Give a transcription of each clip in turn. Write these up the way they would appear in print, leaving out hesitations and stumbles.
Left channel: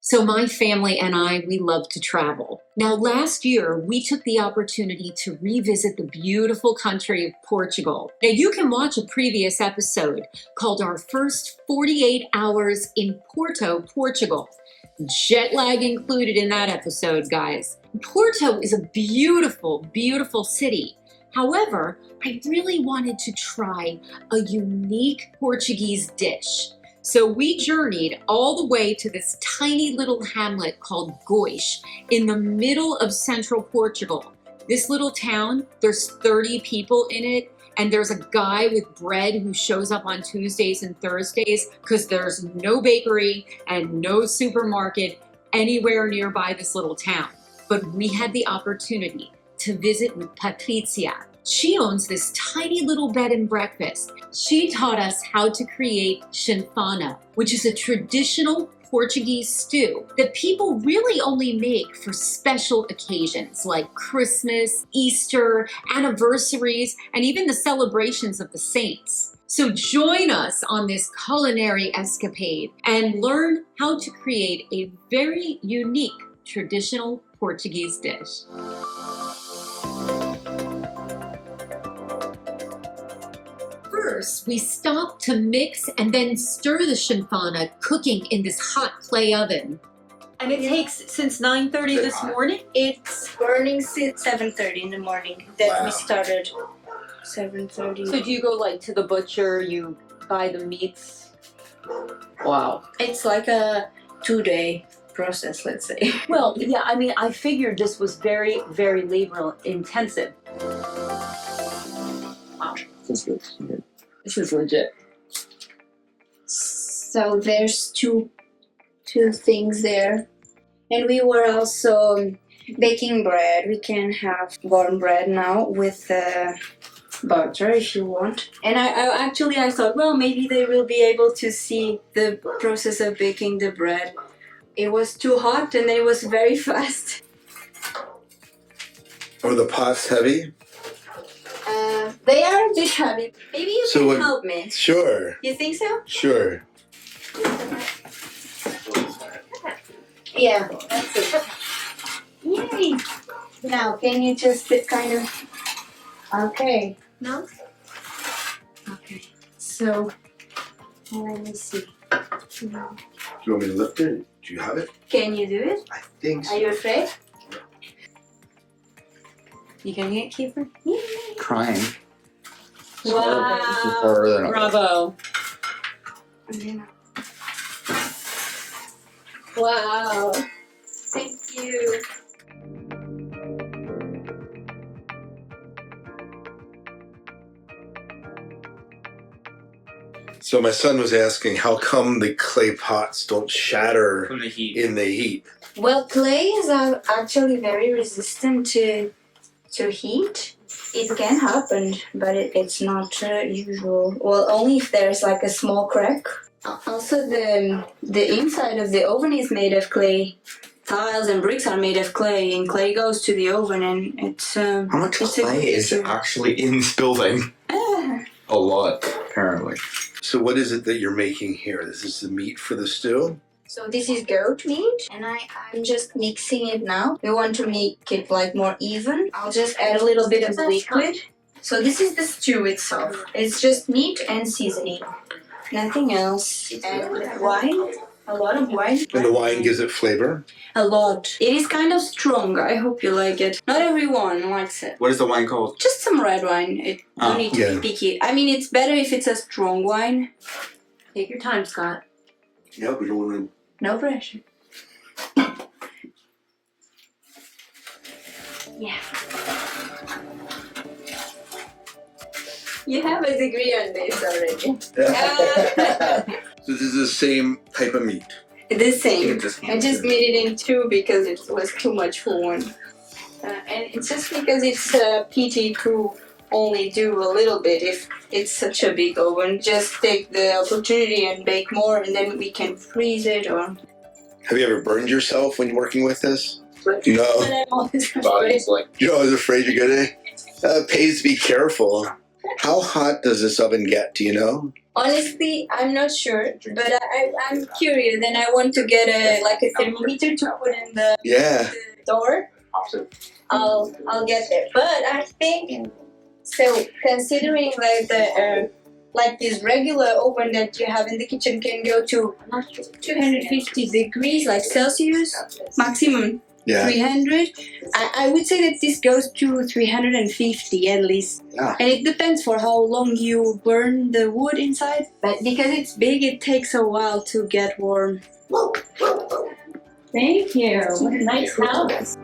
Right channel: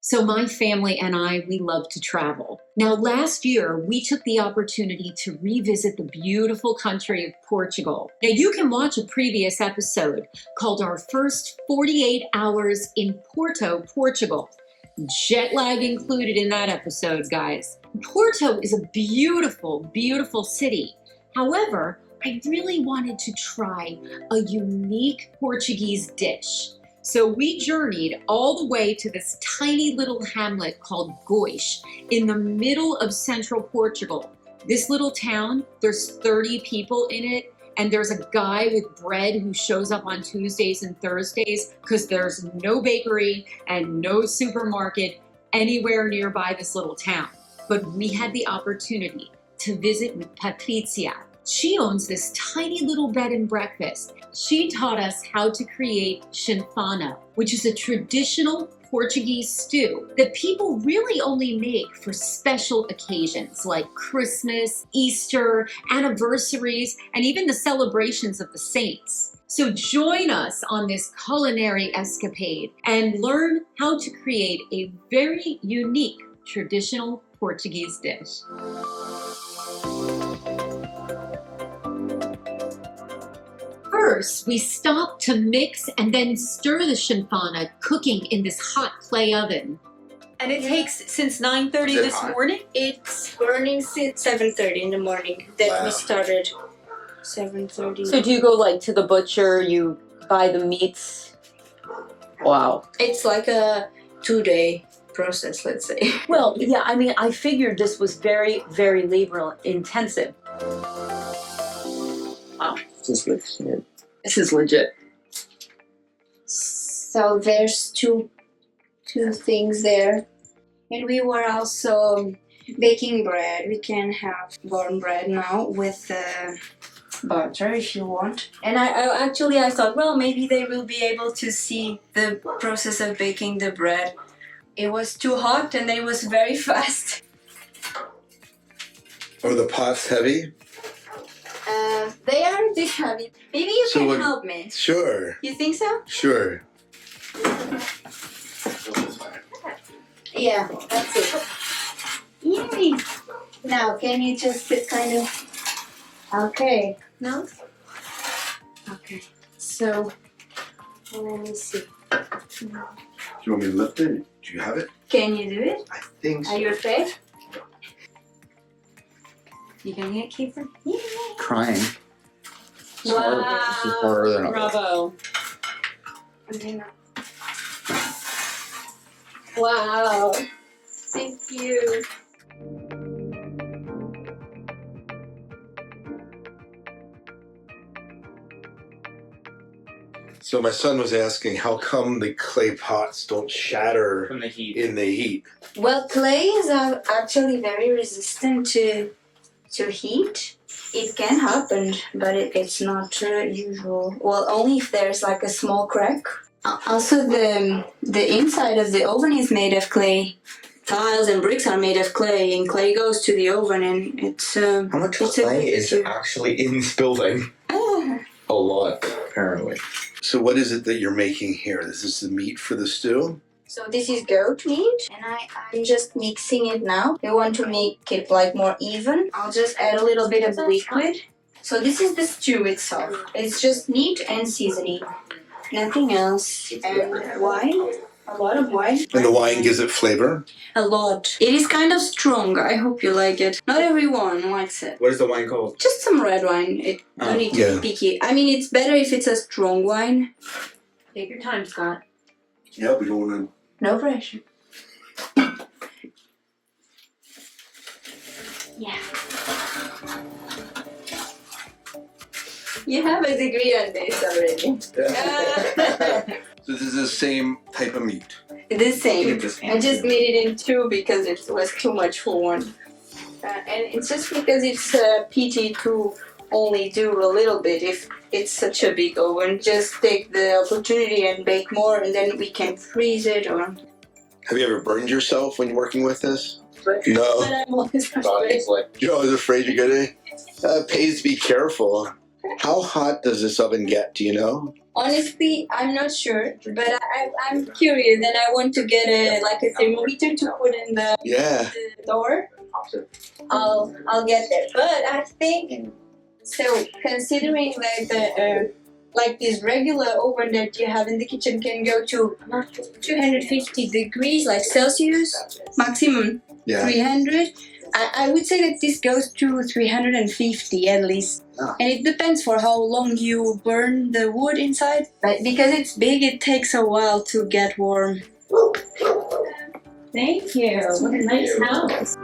So my family and I, we love to travel. Now, last year, we took the opportunity to revisit the beautiful country of Portugal. Now, you can watch a previous episode called Our First 48 Hours in Porto, Portugal. Jet lag included in that episode, guys. Porto is a beautiful, beautiful city. However, I really wanted to try a unique Portuguese dish. So we journeyed all the way to this tiny little hamlet called Góis in the middle of central Portugal. This little town, there's 30 people in it, and there's a guy with bread who shows up on Tuesdays and Thursdays because there's no bakery and no supermarket anywhere nearby this little town. But we had the opportunity to visit with Patricia. She owns this tiny little bed and breakfast. She taught us how to create Chanfana, which is a traditional Portuguese stew that people really only make for special occasions like Christmas, Easter, anniversaries, and even the celebrations of the saints. So join us on this culinary escapade and learn how to create a very unique traditional Portuguese dish. First, we stop to mix and then stir the chanfana, cooking in this hot clay oven. And it takes since 9:30 this morning? It's burning since 7:30 in the morning. Then we started 7:30. So do you go like to the butcher, you buy the meats? Wow. It's like a 2-day process, let's say. Well, yeah, I mean, I figured this was very, very labor intensive. Wow, this is legit. This is legit. So there's two things there. And we were also baking bread. We can have cornbread now with butter if you want. And I thought, well, maybe they will be able to see the process of baking the bread. It was too hot and it was very fast. Are the pots heavy? They are a bit heavy. Maybe you can help me. Sure. You think so? Sure. Yeah, that's it. Yay! Now, can you just kind of... Okay. No? Okay. So, let me see. Do you want me to lift it? Do you have it? Can you do it? I think so. Are you afraid? You getting it, Kiefer? Yeah. Crying. Wow. Bravo. Wow. Thank you. So my son was asking how come the clay pots don't shatter From the heat. in the heat? Well, clay is actually very resistant to heat. It can happen, but it's not usual. Well, only if there's like a small crack. Also, the inside of the oven is made of clay. Tiles and bricks are made of clay, and clay goes to the oven, and it's How much clay is actually in this building? A lot, apparently. So what is it that you're making here? This is the meat for the stew? So this is goat meat, and I'm just mixing it now. We want to make it like more even. I'll just add a little bit of liquid. So this is the stew itself. It's just meat and seasoning. Nothing else. And wine. A lot of wine. And the wine gives it flavor? A lot. It is kind of strong. I hope you like it. Not everyone likes it. What is the wine called? Just some red wine. It don't need to be picky. I mean, it's better if it's a strong wine. Take your time, Scott. Yeah, we don't want No pressure. Yeah. You have a degree on this already. to... So this is the same type of meat? The same. I just made it in two because it was too much for one. And it's just because it's pity to only do a little bit if it's such a big oven. Just take the opportunity and bake more, and then we can freeze it or... Have you ever burned yourself when working with this? No. But I'm always afraid. Body's like, You're always afraid to get it? Pays to be careful. How hot does this oven get? Do you know? Honestly, I'm not sure, but I'm curious, and I want to get a thermometer to put in the Yeah. door. I'll get there, but I think so. Considering like this regular oven that you have in the kitchen can go to 250 degrees, like Celsius, maximum Yeah. 300. I would say that this goes to 350 at least. Yeah. And it depends for how long you burn the wood inside. But because it's big, it takes a while to get warm. Thank you. What a nice house.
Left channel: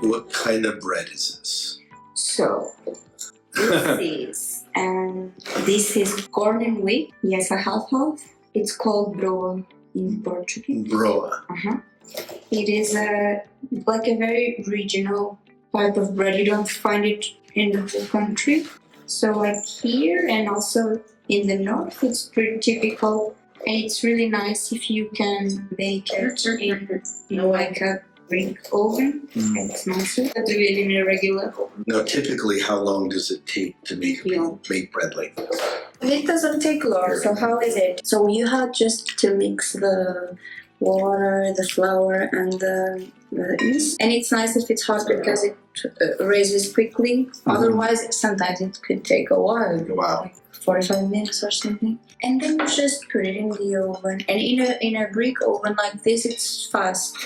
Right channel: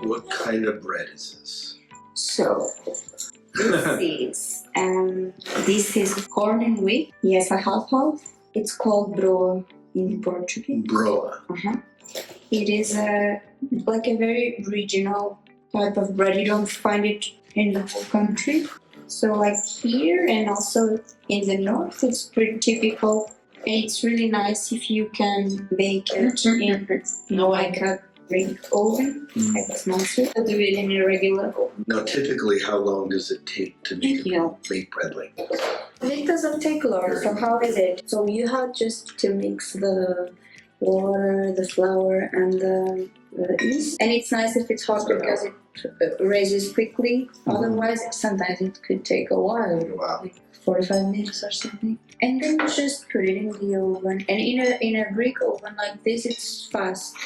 What kind of bread is this? So this is corn and wheat. Yes, a half. It's called broa in Portuguese. Broa. It is like a very regional type of bread. You don't find it in the whole country. So like here and also in the north, it's pretty typical. And it's really nice if you can bake it in like a brick oven. It's nicer to do it in a regular oven. Now, typically, how long does it take to make bread like this? It doesn't take long. So how is it? So you have just to mix the water, the flour, and the yeast. And it's nice if it's hot because it raises quickly. Otherwise, sometimes it could take a while. Wow. Like 45 minutes or something. And then you just put it in the oven. And in a brick oven like this, it's fast.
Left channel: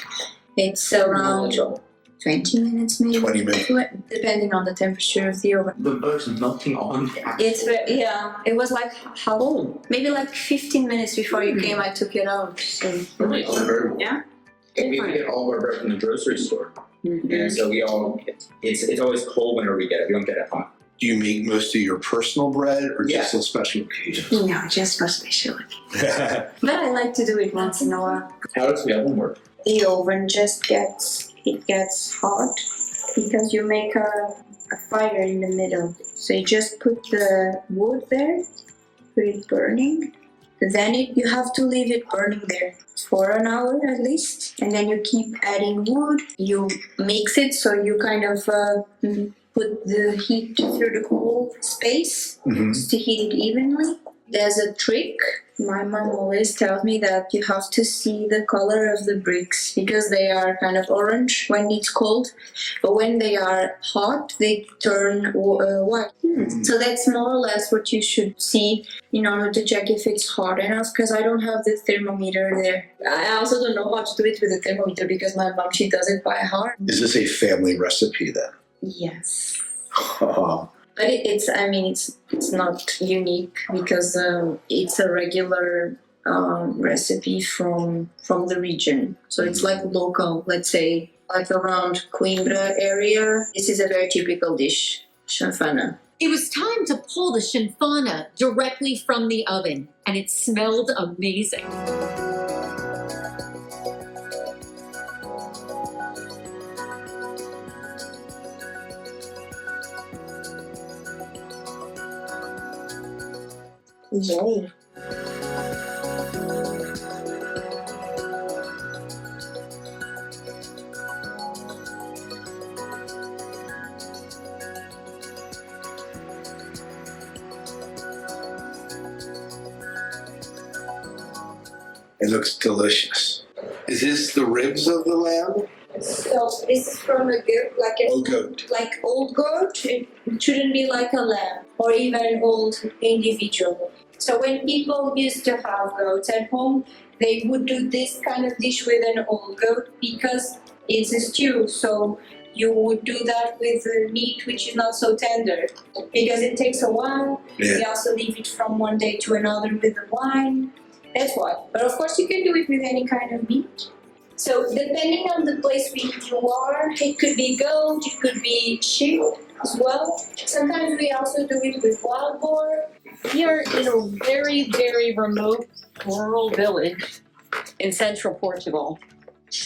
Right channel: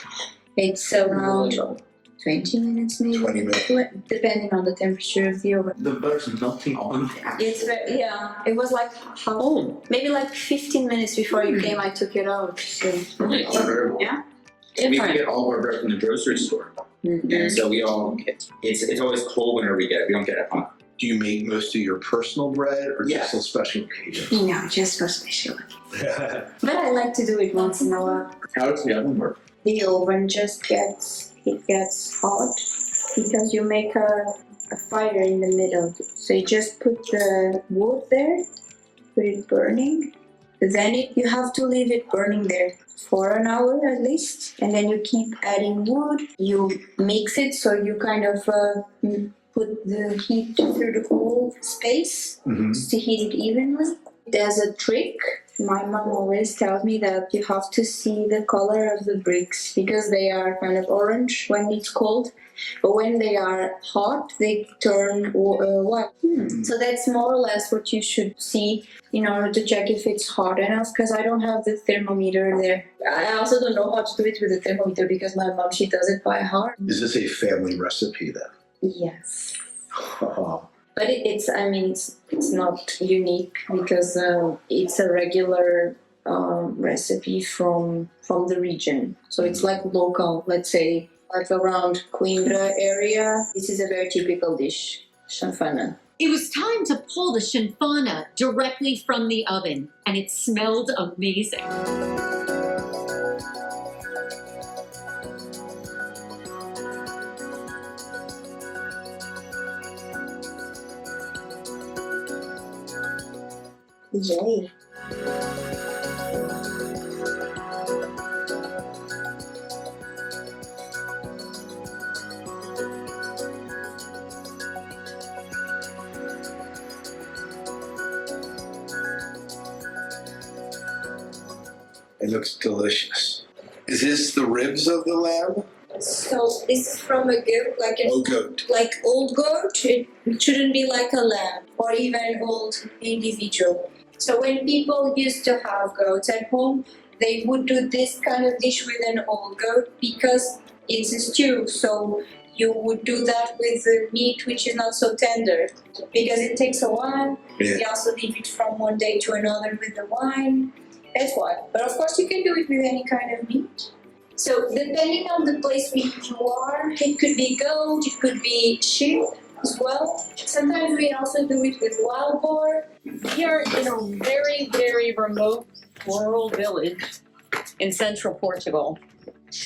It's around 20 minutes maybe. 20 minutes. Depending on the temperature of the oven. The bird's melting on. It's very, yeah. It was like maybe like 15 minutes before you came. I took it out. So yeah. We get all of our bread from the grocery store, and so we all it's always cold whenever we get it. We don't get it hot. Do you make most of your personal bread or just on special occasions? No, just for special. But I like to do it once in a while. How does the oven work? The oven just gets hot because you make a fire in the middle. So you just put the wood there, put it burning. Then you have to leave it burning there for an hour at least. And then you keep adding wood. You mix it so you kind of put the heat through the whole space to heat it evenly. There's a trick. My mom always tells me that you have to see the color of the bricks because they are kind of orange when it's cold, but when they are hot, they turn white. So that's more or less what you should see in order to check if it's hot enough, because I don't have the thermometer there. I also don't know how to do it with the thermometer because my mom, she does it by heart. Is this a family recipe then? Yes. Oh. But it's not unique because it's a regular recipe from the region. So it's like local, let's say, like around Coimbra area. This is a very typical dish, Chanfana. It was time to pull the Chanfana directly from the oven, and it smelled amazing. Yay. It looks delicious. Is this the ribs of the lamb? So this is from a goat, Goat. like old goat. It shouldn't be like a lamb or even an old individual. So when people used to have goats at home, they would do this kind of dish with an old goat because it's a stew. So you would do that with the meat which is not so tender because it takes a while. Yeah. You also leave it from one day to another with the wine. That's why. But of course you can do it with any kind of meat. So depending on the place where you are, it could be goat, it could be sheep as well. Sometimes we also do it with wild boar. Here in a very, very remote rural village in central Portugal,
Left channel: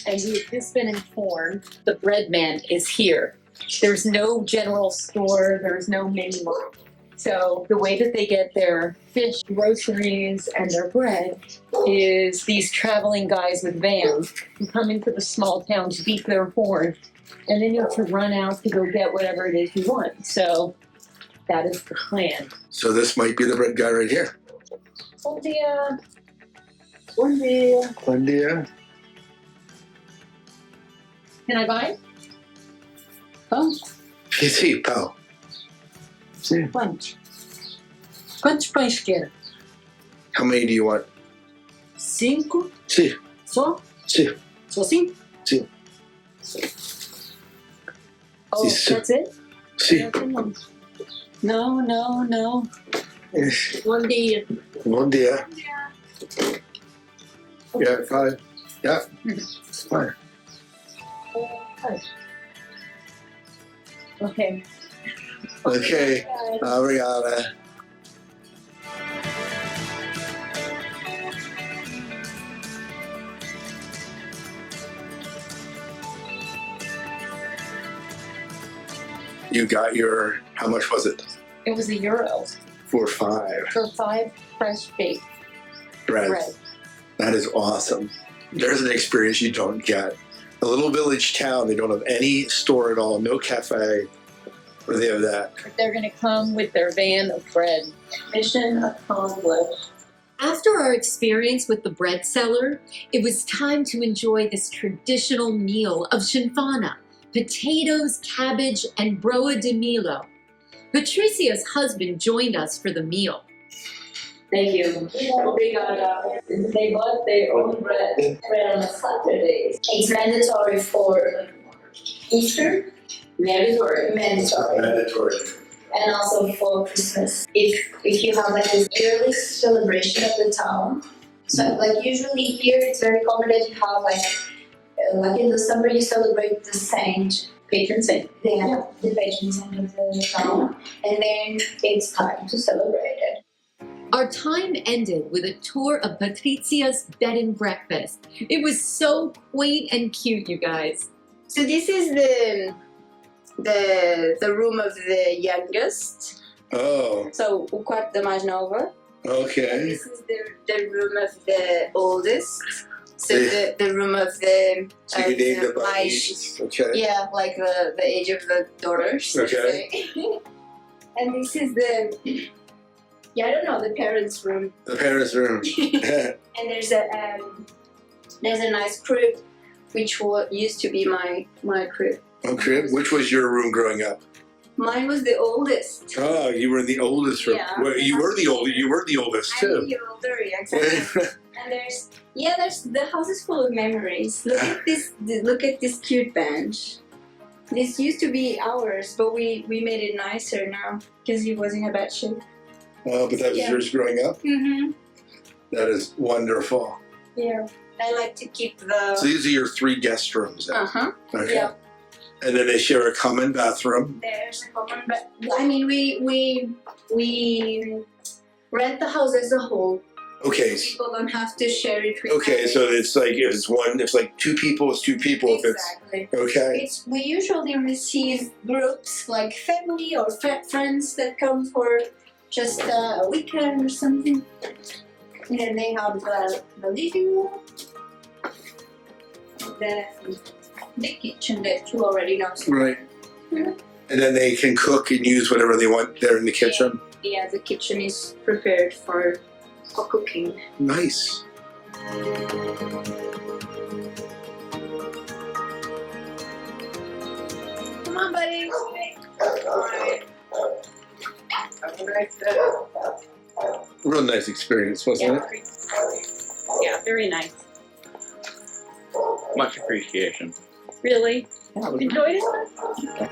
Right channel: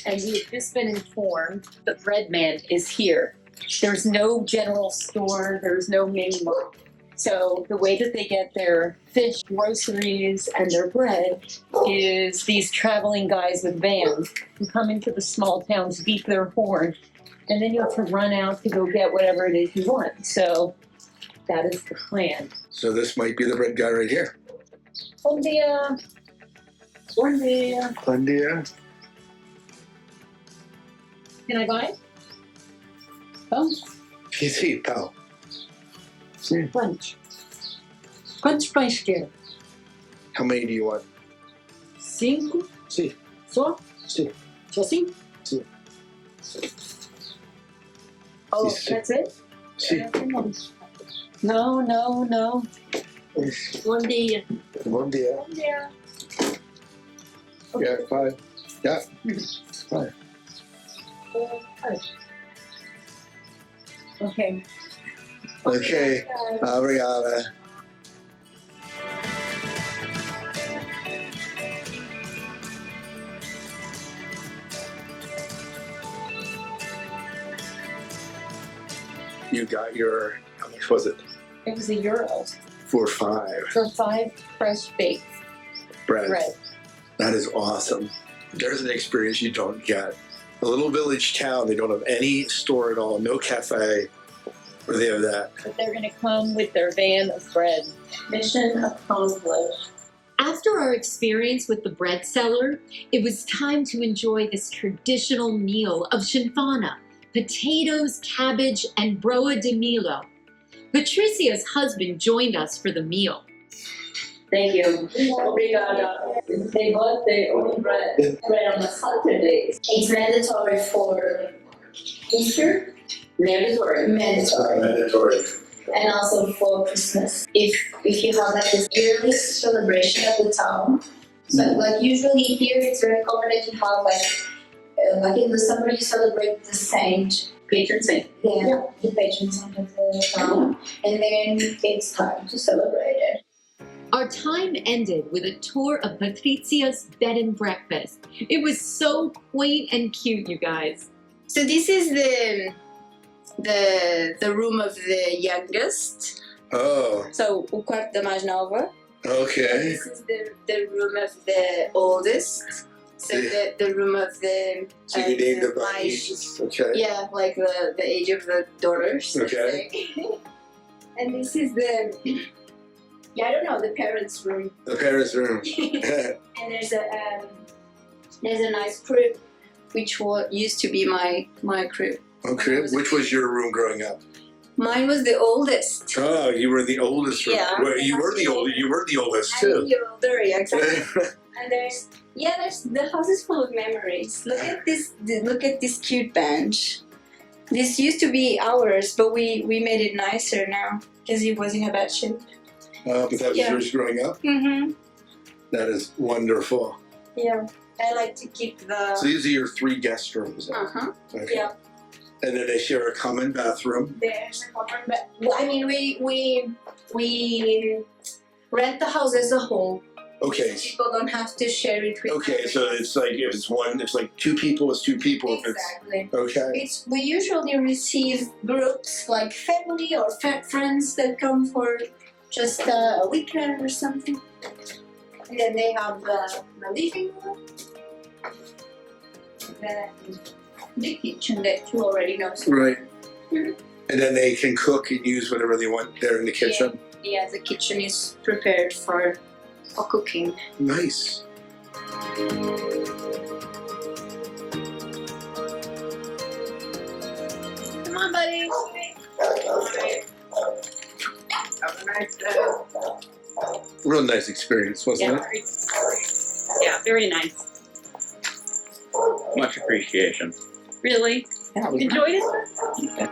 and we've just been informed the bread man is here. There's no general store, there's no mini mart. So the way that they get their fish, groceries, and their bread is these traveling guys with vans who come into the small towns, beat their horn, and then you have to run out to go get whatever it is you want. So that is the plan. So this might be the bread guy right here. Bom dia. Bom dia. Bom dia. Can I buy it? Oh, Sim, pau. Sim. quantos? Quantos pães quer? How many do you want? 5? Sim. Só? Sim. Só 5? Sim. Oh, Sim. that's it? Sim. No. Bom dia. Bom dia. Yeah. Yeah, 5. Yeah. Fine. Okay. Okay. Obrigada. You got your, how much was it? It was €1 For 5 for 5 fresh baked bread. That is awesome. There's an experience you don't get. A little village town, they don't have any store at all, no cafe, or they have that. But they're going to come with their van of bread. Mission accomplished. After our experience with the bread seller, it was time to enjoy this traditional meal of Chanfana, potatoes, cabbage, and Broa de Mihlo. Patricia's husband joined us for the meal. Thank you. Obrigada. They bought their own bread on a Saturday. It's mandatory for Easter. Mandatory. Mandatory. And also for Christmas. If you have like this yearly celebration of the town. So like usually here it's very common that you have like in the summer you celebrate the saint. Patron saint. The patron saint of the town. And then it's time to celebrate it. Our time ended with a tour of Patricia's bed and breakfast. It was so quaint and cute, you guys. So this is the room of the youngest. Oh, So o quarto da mais nova. And okay. this is the room of the oldest. So the room of the So you named it by mais- ages. Okay. Yeah, like the age of the daughters. Okay. And this is I don't know, the parents' room. The parents' room. And there's a nice crib, which used to be my crib. Okay. Which was your room growing up? Mine was the oldest. Oh, you were the oldest. Yeah. Well, you were the oldest I'm too. a year older, yeah, exactly. And there's the house is full of memories. Look at this cute bench. This used to be ours, but we made it nicer now because it was in a bad shape. But that was yours growing up? Mm-hmm. That is wonderful. Yeah. I like to keep the So these are your 3 guest rooms then? uh-huh. Okay. Yeah. And then they share a common bathroom. There's a common, but I mean we rent the house as a whole. Okay. People don't have to share it with Okay, so it's like if it's like 2 people, it's 2 people. exactly. If it's okay. We usually receive groups like family or friends that come for just a weekend or something. And then they have the living room, the kitchen that you already know. Right. Mhm. And then they can cook and use whatever they want there in the kitchen. Yeah, the kitchen is prepared for cooking. Nice. Come on, buddy. Have a nice day. Real nice experience, wasn't it? Yeah, very nice. Much appreciation. Really? Yeah, it was Enjoyed it?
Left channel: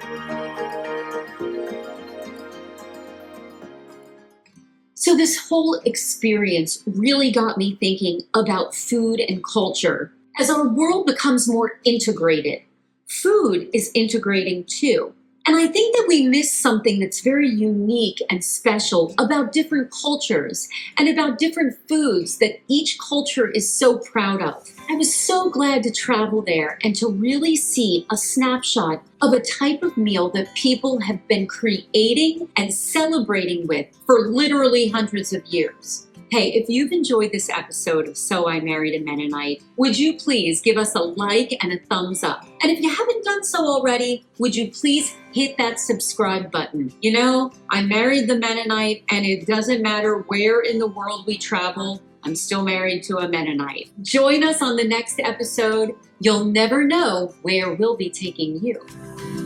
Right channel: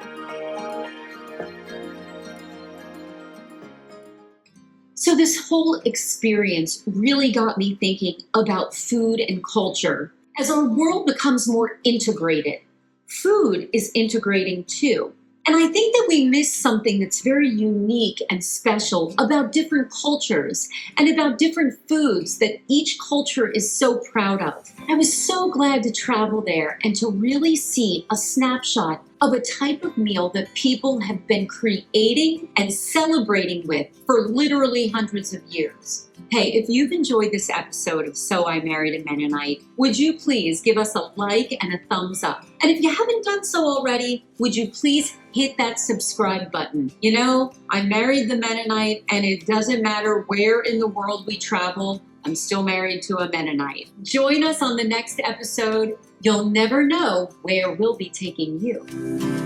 So this whole experience really got me thinking about food and culture. As our world becomes more integrated, food is integrating too. And I think that we miss something that's very unique and special about different cultures and about different foods that each culture is so proud of. I was so glad to travel there and to really see a snapshot of a type of meal that people have been creating and celebrating with for literally hundreds of years. Hey, if you've enjoyed this episode of So I Married a Mennonite, would you please give us a like and a thumbs up? And if you haven't done so already, would you please hit that subscribe button? You know, I married the Mennonite, and it doesn't matter where in the world we travel, I'm still married to a Mennonite. Join us on the next episode. You'll never know where we'll be taking you.